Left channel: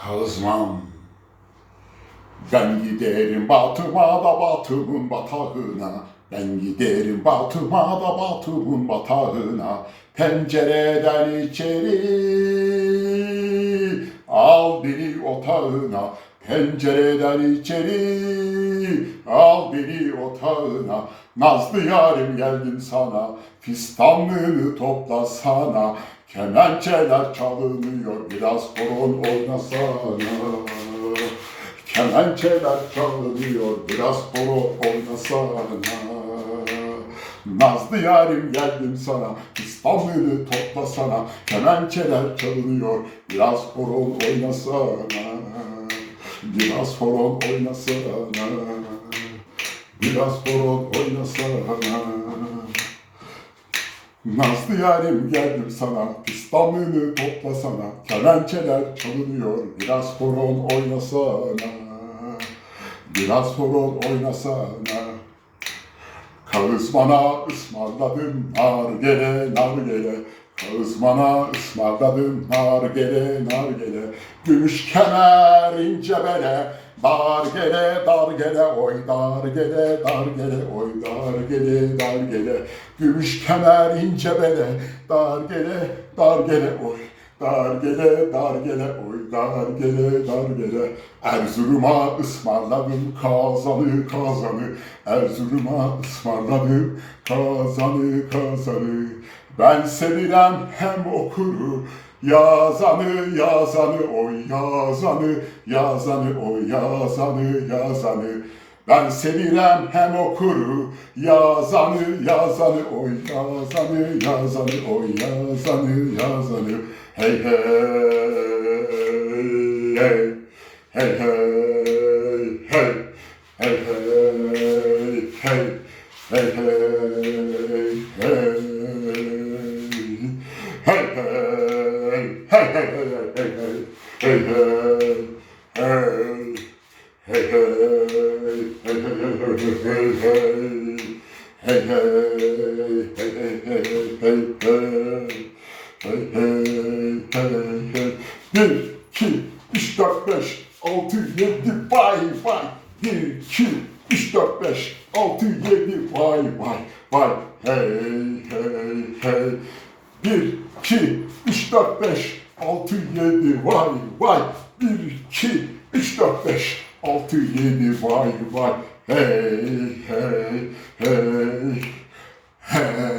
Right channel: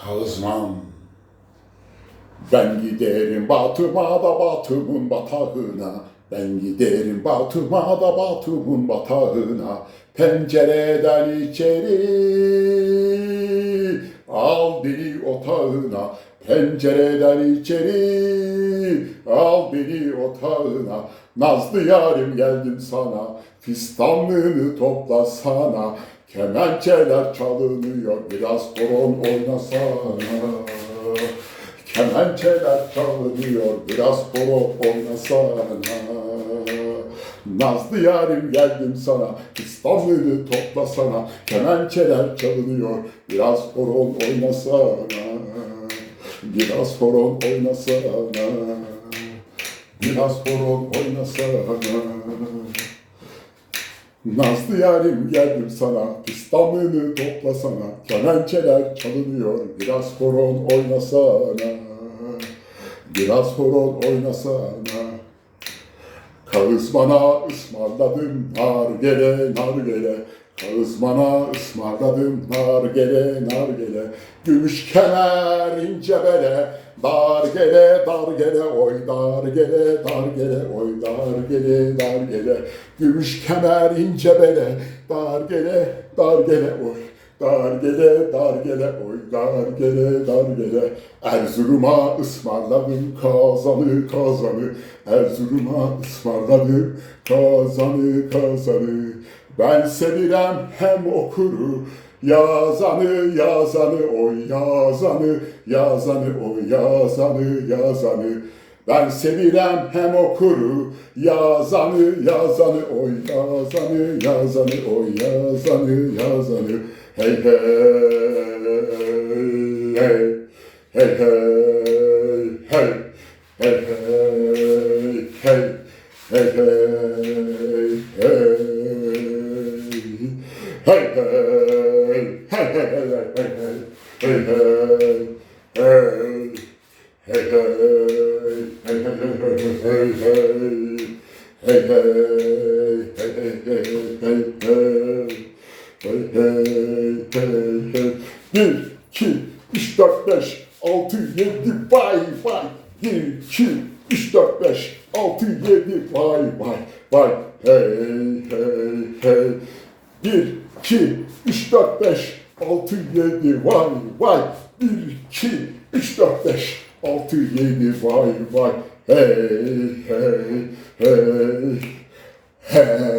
kazmam. Ben giderim Batum'a da Batum'un batağına. Ben giderim Batum'a da Batum'un batağına. Pencereden içeri al beni otağına. Pencereden içeri al beni otağına. Nazlı yarim geldim sana, fistanlığını topla sana. Kemençeler çalınıyor, biraz horon oynasana. Kemençeler çalınıyor, biraz horon oynasana. Nazlı yarim geldim sana, İstanbul'u topla sana. Kemençeler çalınıyor, biraz horon oynasana. Biraz horon oynasana. Biraz horon oynasana. Nazlı yarim geldim sana, İstanbul'u toplasana. Kemençeler çalınıyor, biraz horon oynasana. Biraz horon oynasana. Kağız bana ısmarladın nargele nargele Kazmana ısmarladım nargele nargele Gümüş kemer ince bele. Dargele dargele oy dargele dargele oy dargele dargele Gümüş kemer ince bele. Dargele dargele oy. Dar gele dar gele oy dar gele dar gele. Erzurum'a ısmarladım kazanı kazanı. Erzurum'a ısmarladım kazanı kazanı. Ben sevirem hem okuru Yazanı yazanı oy yazanı. Yazanı oy yazanı yazanı ben sevirem hem okuru yazanı yazanı oy yazanı yazanı oy yazanı yazanı hey hey hey hey hey hey hey hey hey hey hey hey Hey hey hey hey hey hey hey hey hey hey hey hey hey hey hey hey bir iki üç dört beş altı yedi vay vay bir iki üç dört beş altı yedi vay vay vay hey hey hey bir iki üç dört beş altı yedi vay vay bir iki üç dört beş altı yedi vay vay hey hey hey hey